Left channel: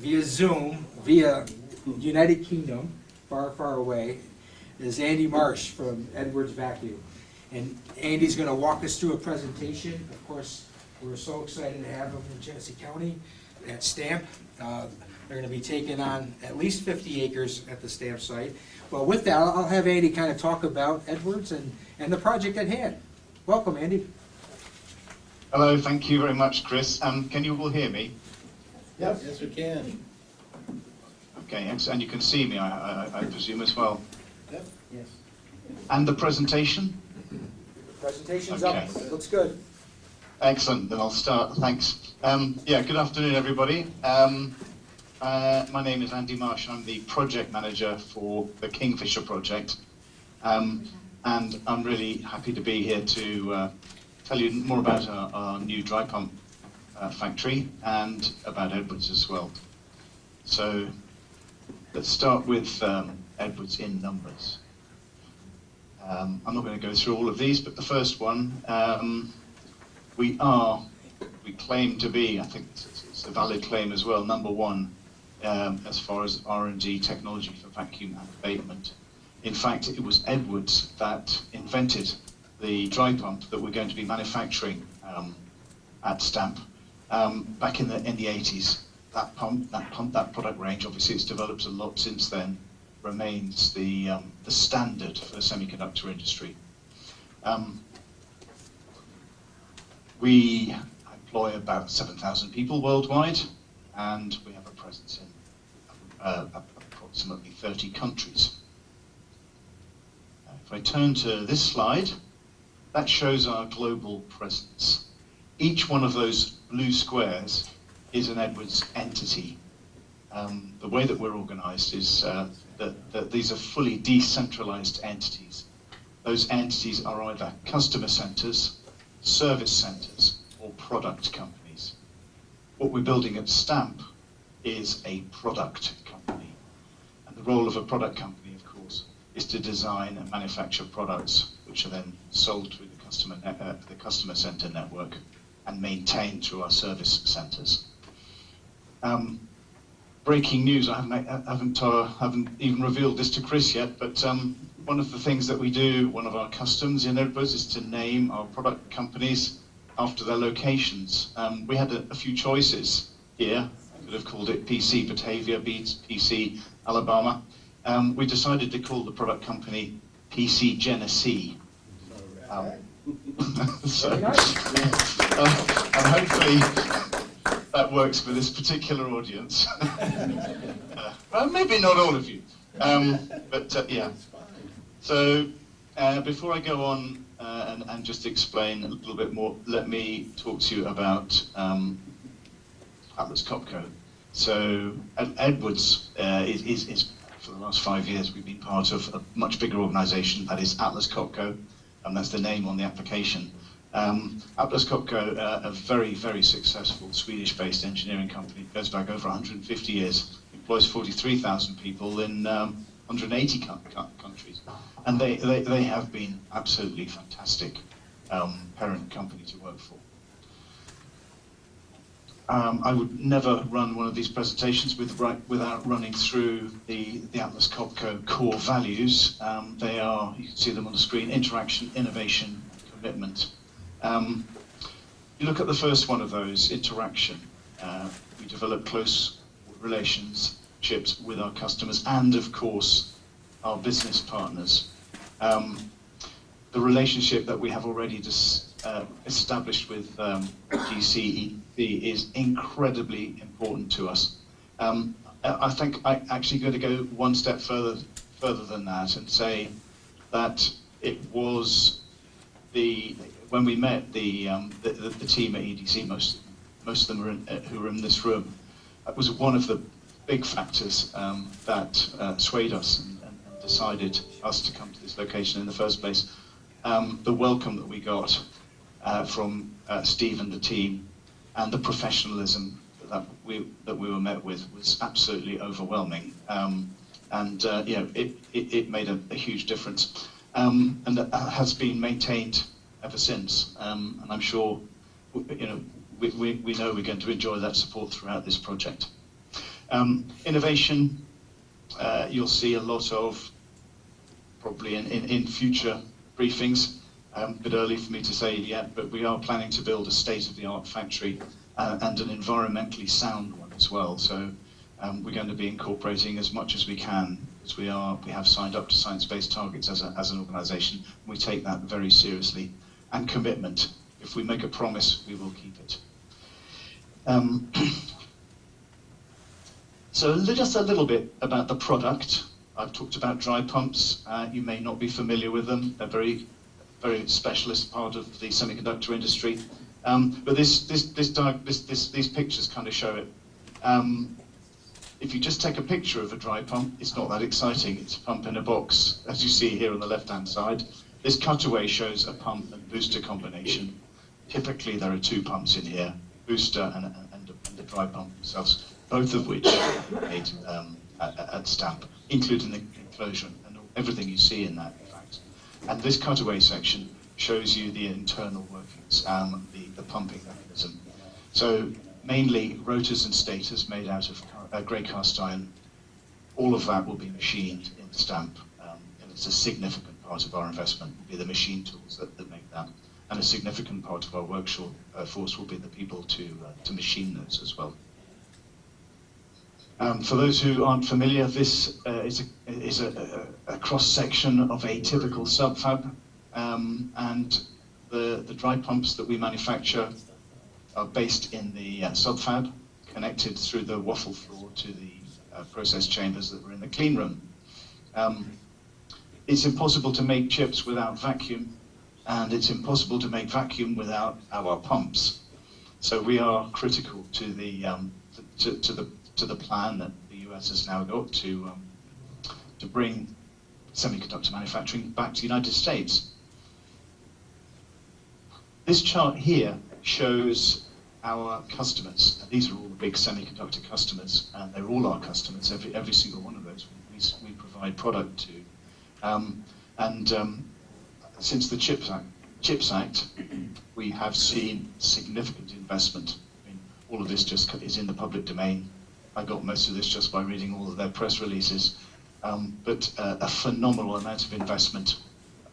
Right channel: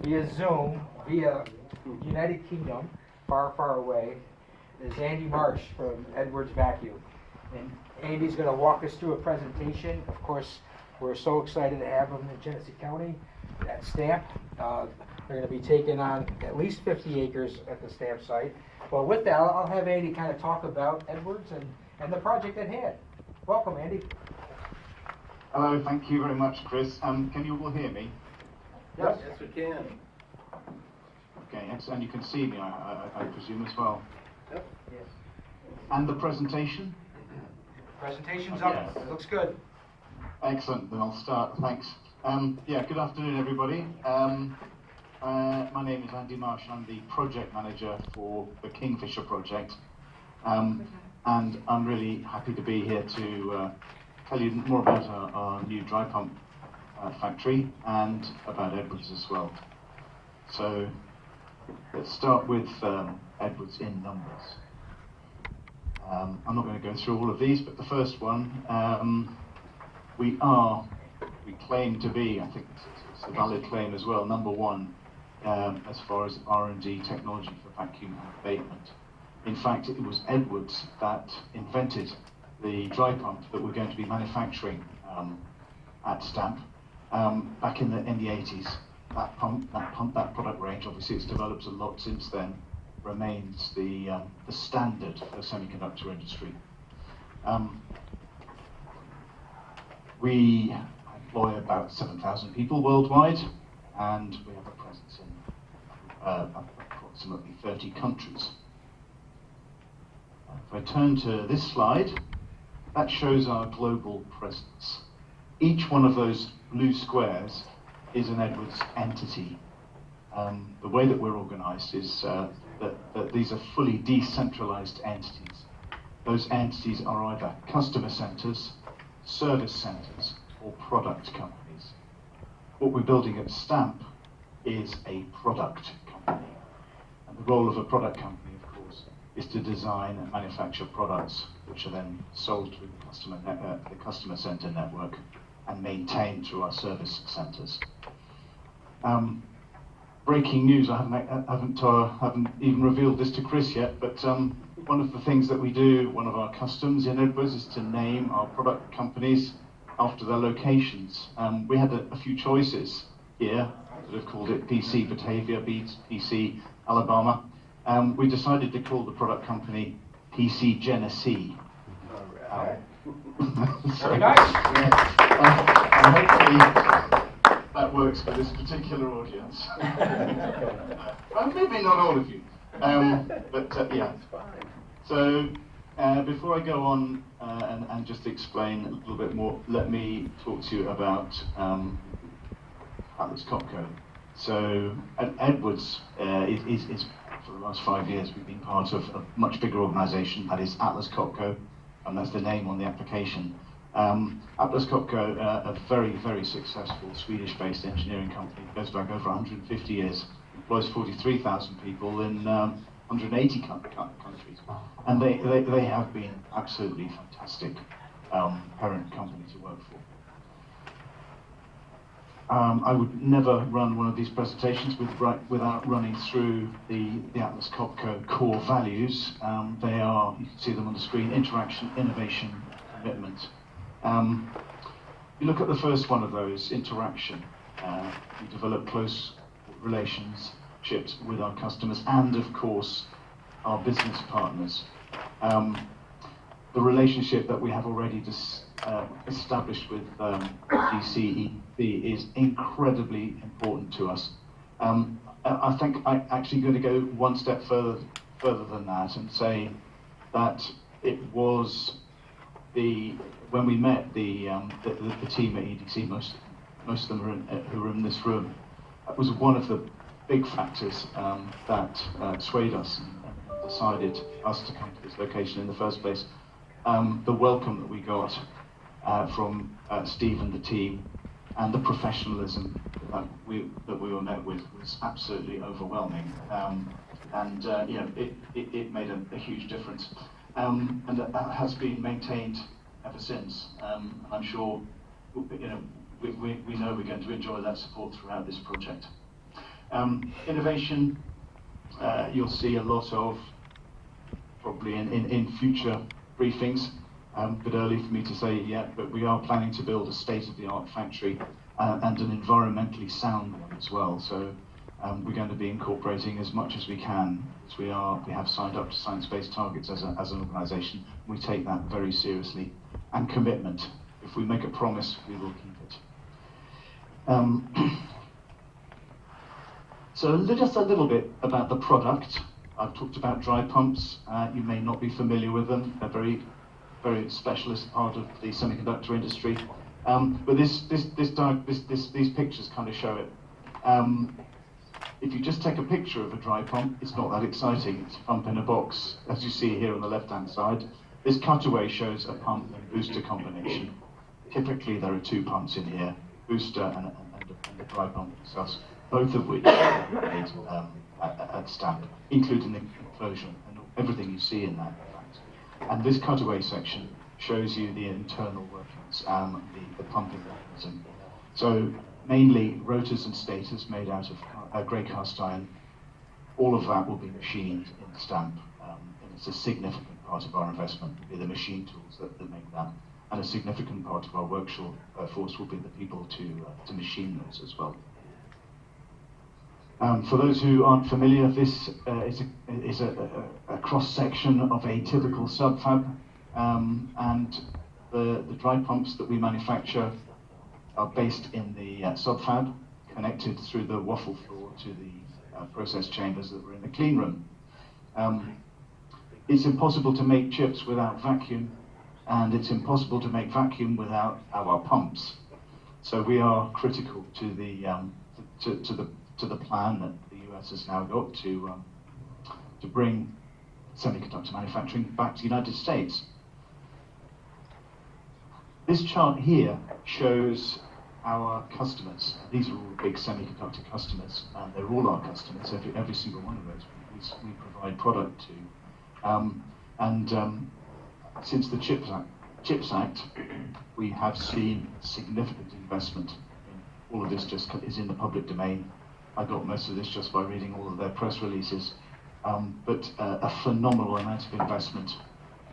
via Zoom, via United Kingdom, far, far away, is Andy Marsh from Edwards Vacuum. And Andy's going to walk us through a presentation. Of course, we're so excited to have him in Genesee County at Stamp. They're going to be taking on at least 50 acres at the Stamp site. Well, with that, I'll have Andy kind of talk about Edwards and the project at hand. Welcome, Andy. Hello, thank you very much, Chris. Can you all hear me? Yes, we can. Okay, and you can see me, I presume, as well. Yep. Yes. And the presentation? Presentation's Okay. up. Looks good. Excellent, then I'll start. Thanks. Yeah, good afternoon, everybody. My name is Andy Marsh, and I'm the project manager for the Kingfisher project. And I'm really happy to be here to tell you more about our new dry pump factory and about Edwards as well. So let's start with Edwards in numbers. I'm not going to go through all of these, but the first one, we claim to be, I think it's a valid claim as well, number one as far as R&D technology for vacuum and abatement. In fact, it was Edwards that invented the dry pump that we're going to be manufacturing at Stamp back in the 80s. That product range, obviously it's developed a lot since then, remains the standard for the semiconductor industry. We employ about 7,000 people worldwide, and we have a presence in approximately 30 countries. If I turn to this slide, that shows our global presence. Each one of those blue squares is an Edwards entity. The way that we're organized is that these are fully decentralized entities. Those entities are either customer centers, service centers, or product companies. What we're building at Stamp is a product company. And the role of a product company, of course, is to design and manufacture products which are then sold through the customer center network and maintained through our service centers. Breaking news, I haven't even revealed this to Chris yet, but one of the things that we do, one of our customs in Edwards, is to name our product companies after their locations. We had a few choices here. Could have called it PC BATAVIA, PC Alabama. We decided to call the product company PC Genesee. So, and hopefully that works for this particular audience. Maybe not all of you, but yeah. So before I go on and just explain a little bit more, let me talk to you about Atlas Copco. So Edwards is for the last 5 years, we've been part of a much bigger organization, that is Atlas Copco, and that's the name on the application. Atlas Copco, a very, very successful Swedish-based engineering company, goes back over 150 years, employs 43,000 people in 180 countries. And they have been absolutely fantastic parent company to work for. I would never run one of these presentations without running through the Atlas Copco core values. They are, you can see them on the screen, interaction, innovation, commitment. You look at the first one of those, interaction. We develop close relationships with our customers and, of course, our business partners. The relationship that we have already established with GCEDC is incredibly important to us. I think I'm actually going to go one step further than that and say that it was when we met the team at EDC, most of them who were in this room, that was one of the big factors that swayed us and decided us to come to this location in the first place. The welcome that we got from Steve and the team, and the professionalism that we were met with was absolutely overwhelming, and you know, it made a huge difference, and that has been maintained ever since. And I'm sure, you know, we know we're going to enjoy that support throughout this project. Innovation, you'll see a lot of, probably in future briefings. A bit early for me to say it yet, but we are planning to build a state-of-the-art factory and an environmentally sound one as well. So we're going to be incorporating as much as we can, as we have signed up to science-based targets as an organisation. We take that very seriously. And commitment. If we make a promise, we will keep it. So just a little bit about the product. I've talked about dry pumps. You may not be familiar with them. They're very specialist part of the semiconductor industry. But these pictures kind of show it. If you just take a picture of a dry pump, it's not that exciting. It's a pump in a box, as you see here on the left-hand side. This cutaway shows a pump and booster combination. Typically, there are two pumps in here, booster and the dry pump themselves, both of which are made at Stamp, including the enclosure and everything you see in that, in fact. And this cutaway section shows you the internal workings, the pumping mechanism. So mainly rotors and stators made out of grey cast iron. All of that will be machined in Stamp. And it's a significant part of our investment will be the machine tools that make that. And a significant part of our workforce will be the people to machine those as well. For those who aren't familiar, this is a cross-section of a typical subfab, and the dry pumps that we manufacture are based in the subfab, connected through the waffle floor to the process chambers that were in the clean room. It's impossible to make chips without vacuum, and it's impossible to make vacuum without our pumps. So we are critical to the plan that the US has now got to bring semiconductor manufacturing back to the United States. This chart here shows our customers. These are all big semiconductor customers, and they're all our customers. Every single one of those we provide product to. Since the CHIPS Act, we have seen significant investment. I mean, all of this just is in the public domain. I got most of this just by reading all of their press releases. But a phenomenal amount of investment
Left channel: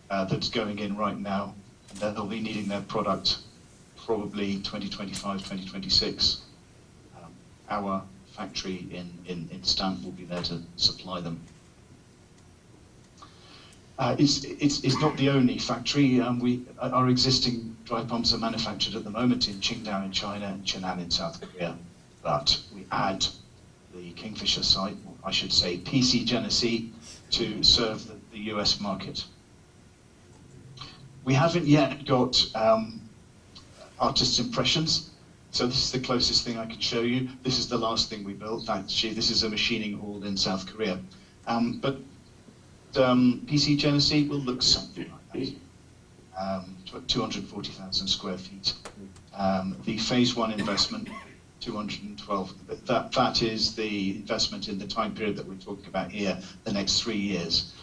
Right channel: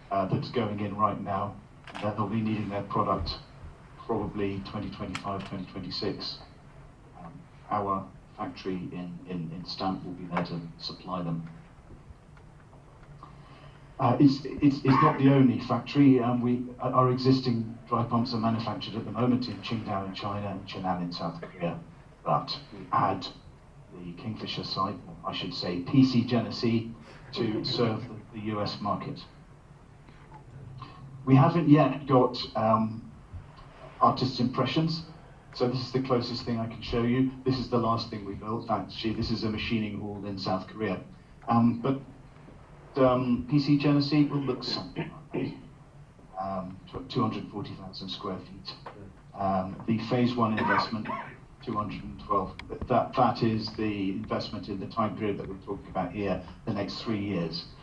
that's going in right now. They'll be needing their product probably 2025, 2026. Our factory in Stamp will be there to supply them. It's not the only factory. Our existing dry pumps are manufactured at the moment in Qingdao in China and Chenan in South Korea. But we add the Kingfisher site, or I should say PC Genesee, to serve the US market. We haven't yet got artist's impressions. So this is the closest thing I could show you. This is the last thing we built. Actually, this is a machining hall in South Korea. But PC Genesee will look something like that. 240,000 square feet. The phase one investment, 212. That is the investment in the time period that we're talking about here, the next 3 years.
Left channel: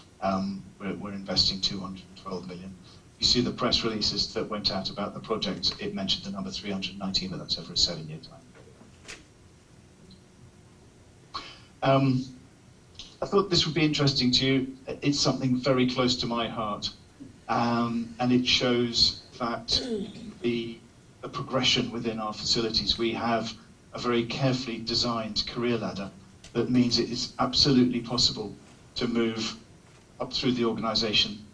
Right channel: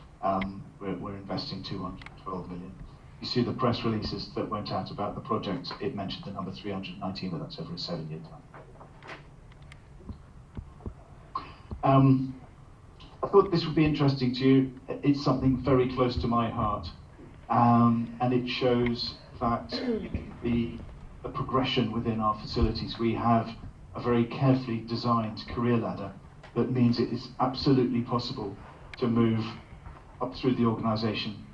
We're investing 212 million. You see the press releases that went out about the project, it mentioned the number 319, but that's over a 7-year time. I thought this would be interesting to you. It's something very close to my heart, and it shows that the progression within our facilities. We have a very carefully designed career ladder that means it is absolutely possible to move up through the organisation,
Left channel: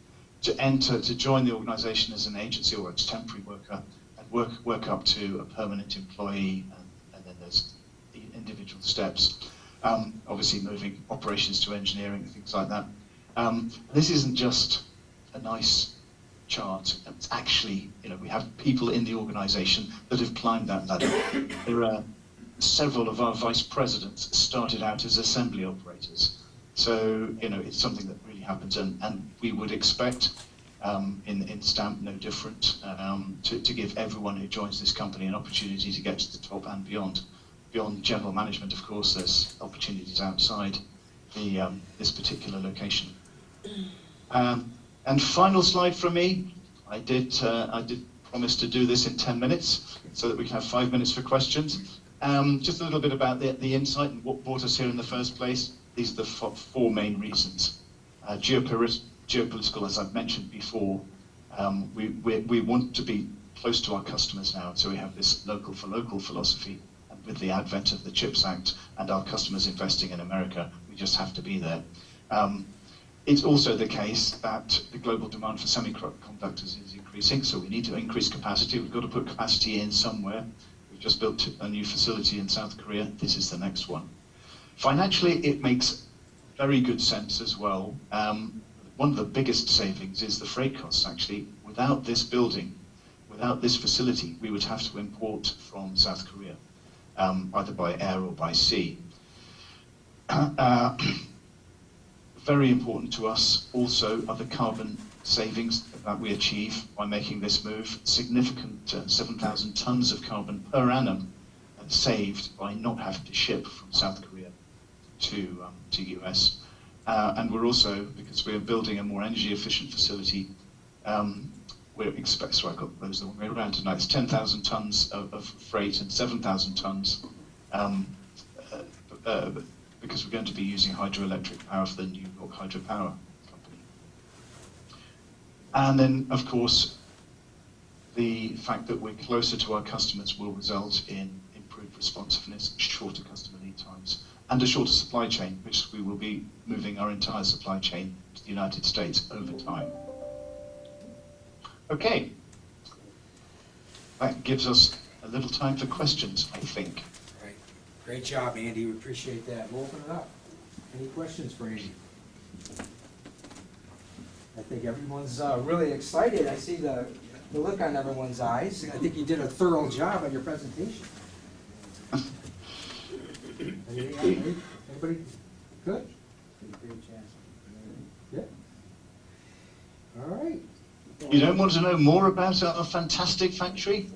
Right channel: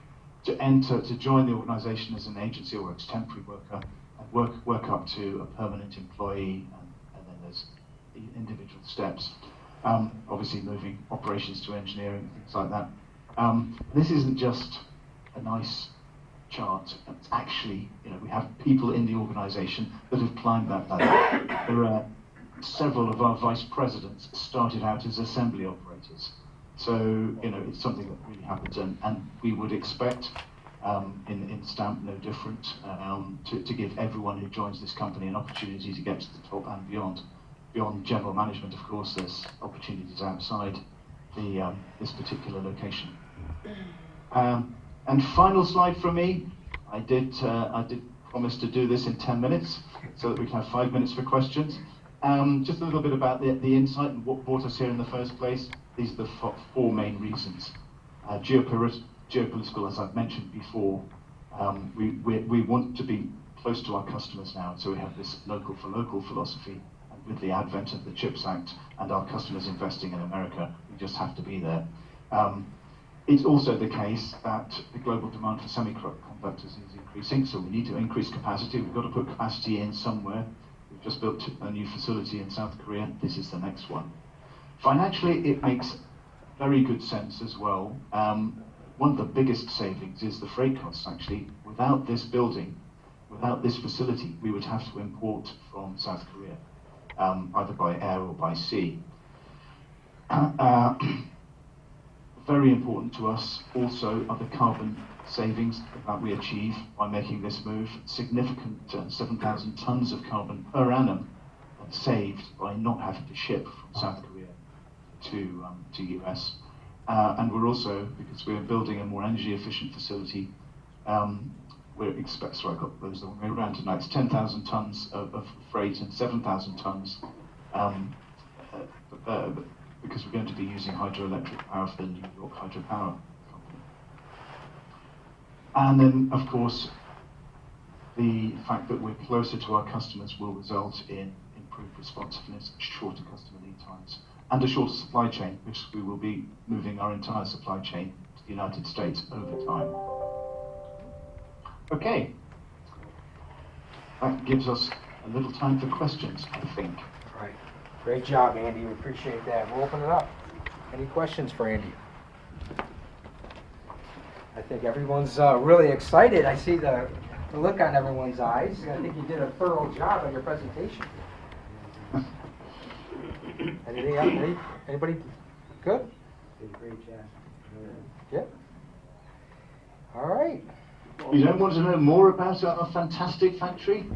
to join the organisation as an agency or as a temporary worker, and work up to a permanent employee, and then there's the individual steps. Obviously moving operations to engineering, things like that. This isn't just a nice chart. It's actually, we have people in the organisation that have climbed that ladder. There are several of our vice presidents started out as assembly operators. So, it's something that really happens, and we would expect in Stamp no different, to give everyone who joins this company an opportunity to get to the top and beyond. Beyond general management, of course, there's opportunities outside this particular location. And final slide from me. I did promise to do this in 10 minutes so that we can have 5 minutes for questions. Just a little bit about the insight and what brought us here in the first place. These are the four main reasons. Geopolitical, as I've mentioned before, we want to be close to our customers now, so we have this local for local philosophy. And with the advent of the CHIPS Act and our customers investing in America, we just have to be there. It's also the case that the global demand for semiconductors is increasing, so we need to increase capacity. We've got to put capacity in somewhere. We've just built a new facility in South Korea. This is the next one. Financially, it makes very good sense as well. One of the biggest savings is the freight costs, actually. Without this building, without this facility, we would have to import from South Korea, either by air or by sea. Very important to us also are the carbon savings that we achieve by making this move. Significant 7,000 tons of carbon per annum saved by not having to ship from South Korea to US. And we're also, because we're building a more energy efficient facility, we're sorry, I got those the wrong way around tonight. It's 10,000 tons of freight and 7,000 tons because we're going to be using hydroelectric power for the New York Hydropower Company. And then, of course, the fact that we're closer to our customers will result in improved responsiveness, shorter customer lead times, and a shorter supply chain, which we will be moving our entire supply chain to the United States over time. Okay. That gives us a little time for questions, I think. Right. Great job, Andy. We appreciate that. We'll open it up. Any questions for Andy? I think everyone's really excited. I see the look on everyone's eyes. I think you did a thorough job on your presentation. Anything else? Anybody? Good? Great job. Yeah. All right. You don't want to know more about our fantastic factory?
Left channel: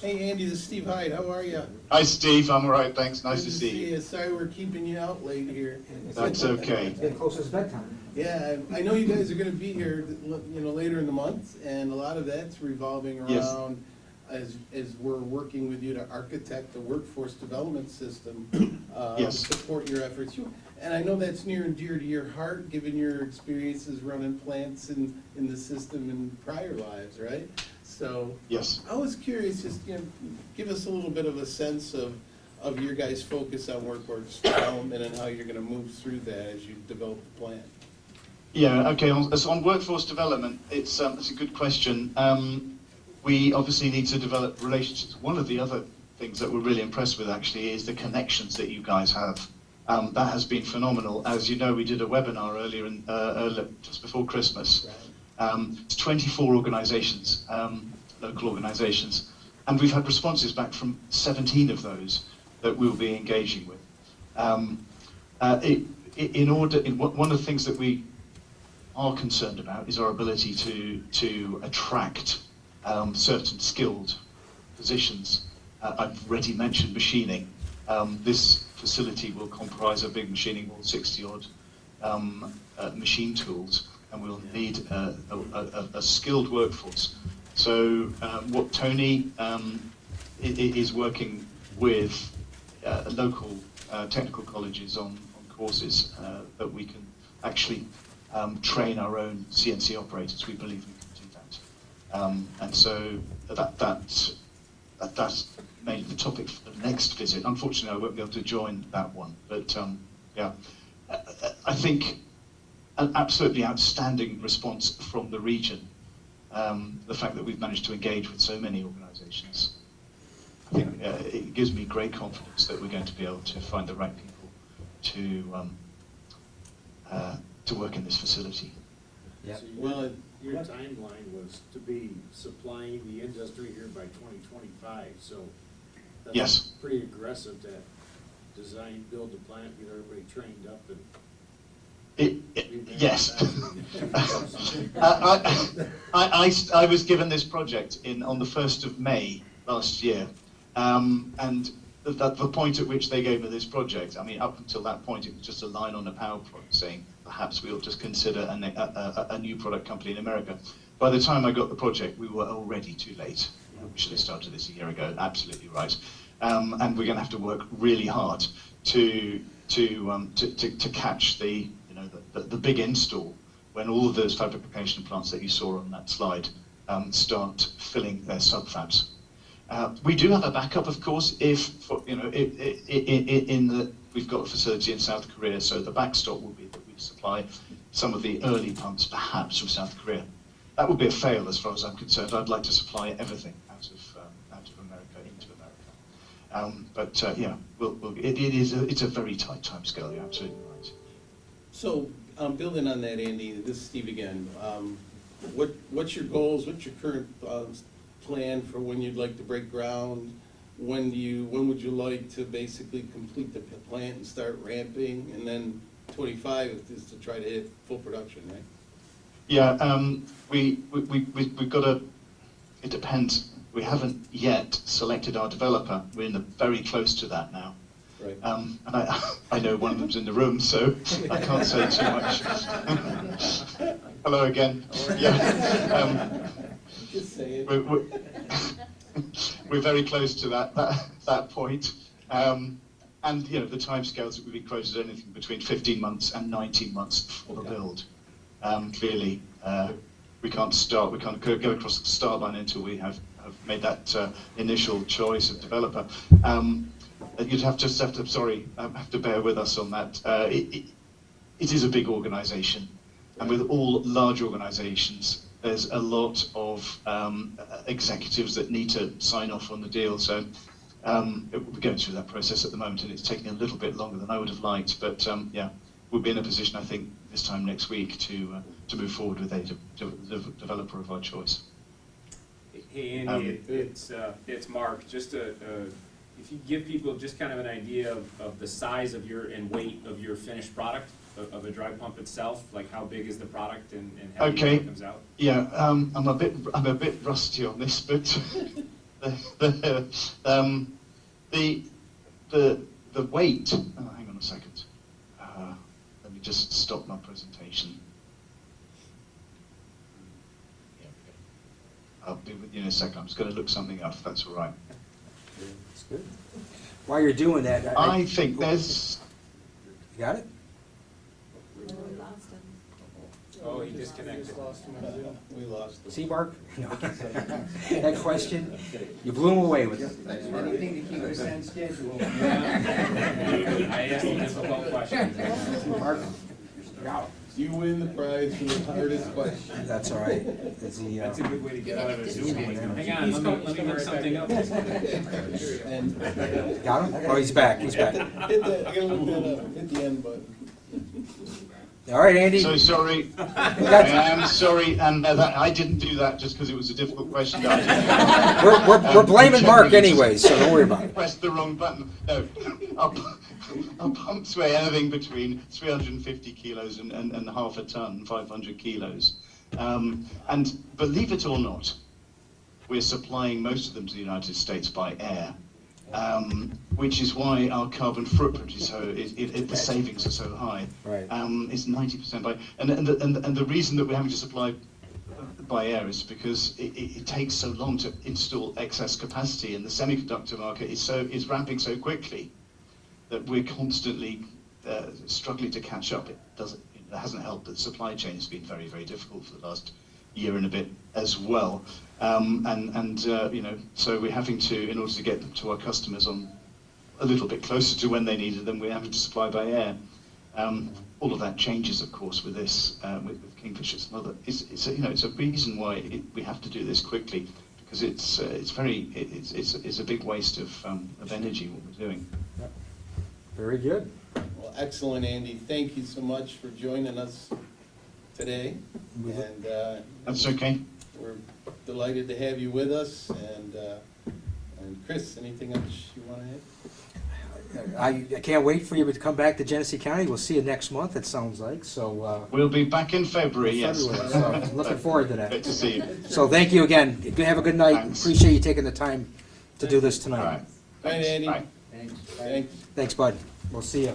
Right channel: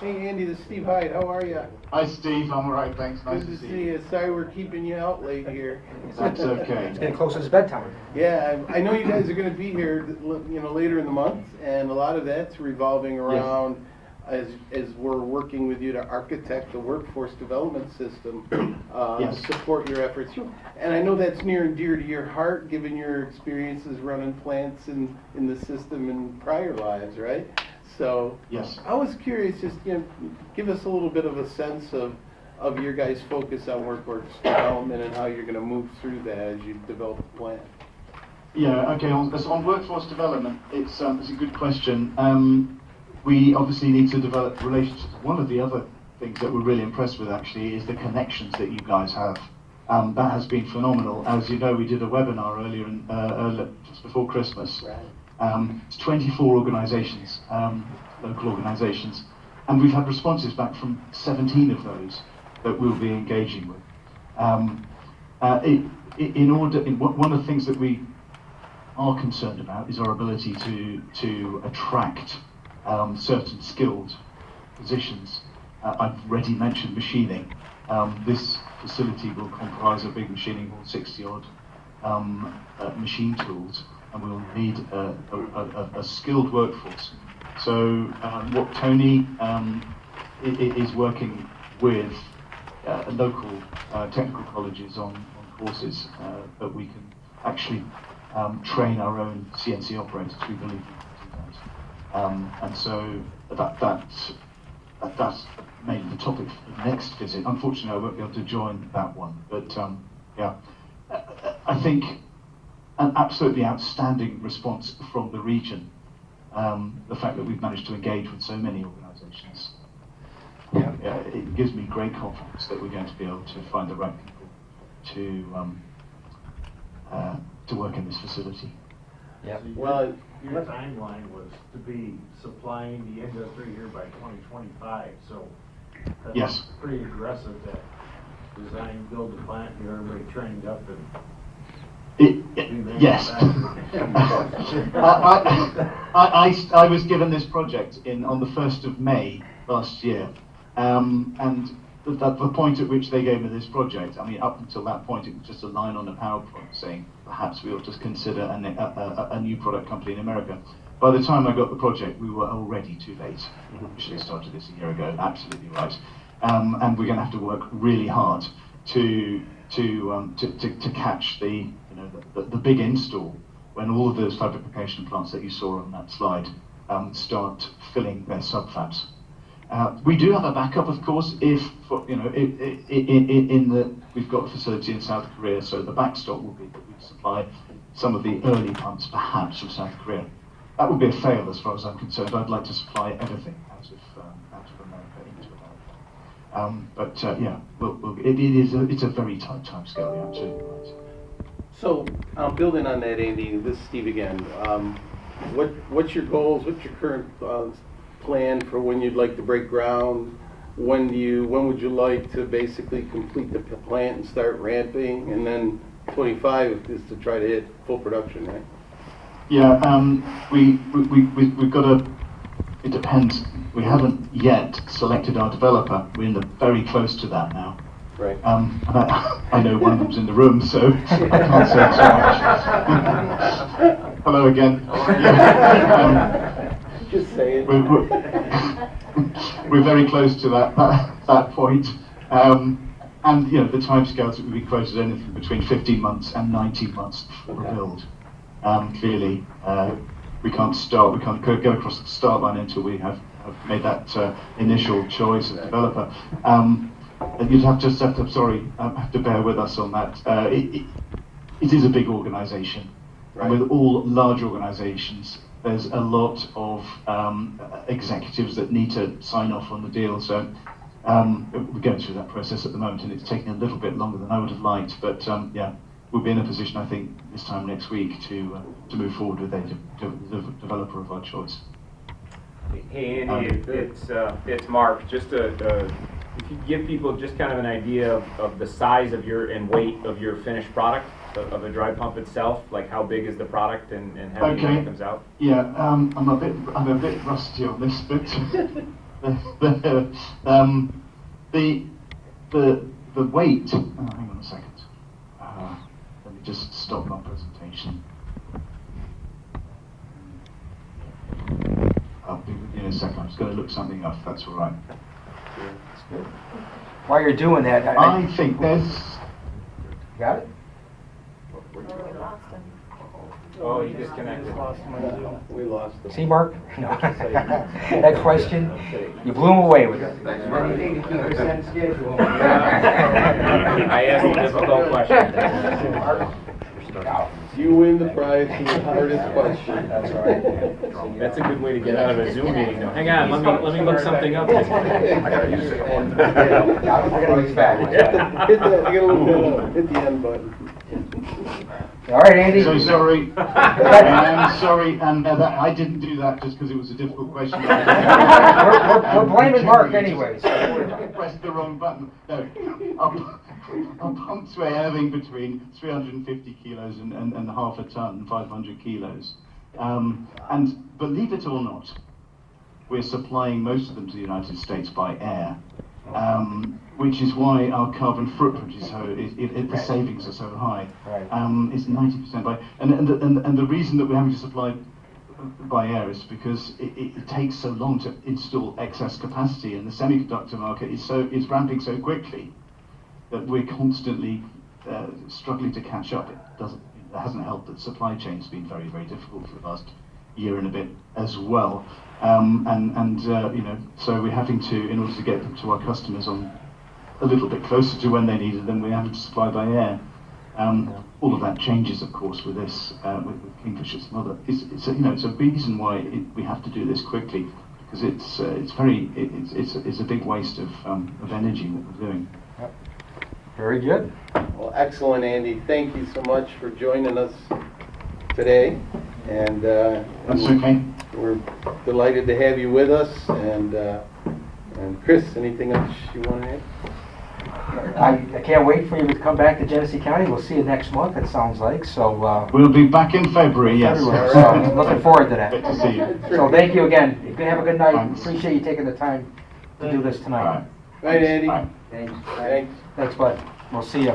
Hey Andy, this is Steve Hyde. How are you? Hi Steve, I'm all right, thanks. Nice Good to see you. Sorry we're keeping you out late here. That's okay. It's getting close to his bedtime. Yeah, I know you guys are going to be here, later in the month, and a lot of that's revolving around as we're working with you to architect the workforce development system, Yes. support your efforts. And I know that's near and dear to your heart, given your experiences running plants in the system in prior lives, right? So Yes. I was curious, just give us a little bit of a sense of your guys' focus on workforce development and how you're going to move through that as you develop a plan. Yeah, okay, on workforce development, it's a good question. We obviously need to develop relationships. One of the other things that we're really impressed with actually is the connections that you guys have. That has been phenomenal. As you know, we did a webinar earlier, just before Christmas. Right. It's 24 organizations, local organizations, and we've had responses back from 17 of those that we'll be engaging with. One of the things that we are concerned about is our ability to attract certain skilled positions. I've already mentioned machining. This facility will comprise a big machining hall, 60-odd machine tools, and we'll need a skilled workforce. So what Tony is working with local technical colleges on courses that we can actually train our own CNC operators. We believe we can do that. And so that's mainly the topic for the next visit. Unfortunately, I won't be able to join that one, but yeah, I think an absolutely outstanding response from the region. The fact that we've managed to engage with so many organisations, it gives me great confidence that we're going to be able to find the right people to work in this facility. Yeah. So your timeline was to be supplying the industry here by 2025, so that's Yes. pretty aggressive to design, build a plant, get everybody trained up and Yes. I was given this project on the 1st of May last year, and the point at which they gave me this project, I mean, up until that point, it was just a line on a PowerPoint saying perhaps we ought to consider a new product company in America. by the time I got the project, we were already too late. We should have started this a year ago. Absolutely right. And we're going to have to work really hard to catch the big install when all of those fabrication plants that you saw on that slide start filling their subfabs. We do have a backup, of course, if in that we've got a facility in South Korea, so the backstop will be that we supply some of the early pumps, perhaps from South Korea. That would be a fail as far as I'm concerned. I'd like to supply everything out of America into America. It's a very tight timescale. You're absolutely right. So, building on that, Andy, this is Steve again. What's your goals? What's your current plan for when you'd like to break ground? When would you like to basically complete the plant and start ramping? And then 25 is to try to hit full production, right? Yeah, we've got a. It depends. We haven't yet selected our developer. We're very close to that now. Right. And I know one of them's in the room, so I can't say too much. Hello again. Yeah, Just saying. We're very close to that point. And the timescales that would be quoted anything between 15 months and 19 months for the build. Clearly, we can't go across the start line until we have made that initial choice of developer. And you'd have to bear with us on that. It is a big organisation, and with all large organisations, there's a lot of executives that need to sign off on the deal. So we're going through that process at the moment, and it's taking a little bit longer than I would have liked. But we'll be in a position, I think, this time next week to move forward with a developer of our choice. Hey Andy, it's Mark. Just if you give people just kind of an idea of the size of and weight of your finished product of a dry pump itself, like how big is the product and how it comes out? Yeah, I'm a bit rusty on this, but the weight. Hang on a second. Let me just stop my presentation. I'll be with you in a second. I'm just going to look something up, if that's all right. While you're doing that, I think there's. Got it? We lost him. Oh, he disconnected. We lost them. See, Mark? No. That question, you blew him away with it. Anything to keep us on schedule. I asked a difficult question. Mark? You win the prize for the hardest question. That's all right. That's a good way to get out of a Zoom meeting though. Hang on, let me look something up. Oh, he's back. He's back. Hit that, I gotta look that up. Hit the end button. All right, Andy. So sorry. I am sorry, and I didn't do that just because it was a difficult question. We're blaming Mark anyway, so don't worry about it. Pressed the wrong button. No, our pumps weigh anything between 350 kilos and half a ton, 500 kilos. And believe it or not, we're supplying most of them to the United States by air. Which is why our carbon footprint is so, the savings are so high. Right. It's 90% by, and the reason that we're having to supply by air is because it takes so long to install excess capacity, and the semiconductor market is ramping so quickly that we're constantly struggling to catch up. It hasn't helped that supply chain has been very, very difficult for the last year and a bit as well. So we're having to, in order to get them to our customers on a little bit closer to when they needed them, we're having to supply by air. All of that changes, of course, with this, with Kingfisher and other. It's a reason why we have to do this quickly, because it's a big waste of energy what we're doing. Very good. Well, excellent, Andy. Thank you so much for joining us today. And That's okay. we're delighted to have you with us. And Chris, anything else you want to add? I can't wait for you to come back to Genesee County. We'll see you next month, it sounds like. So We'll be back in February, yes. so looking forward to Good that. to see you. So thank you again. Have a good night. Thanks. Appreciate you taking the time to do this All tonight. right. Right, Andy. Bye. Thanks. Thanks, bud. We'll see you.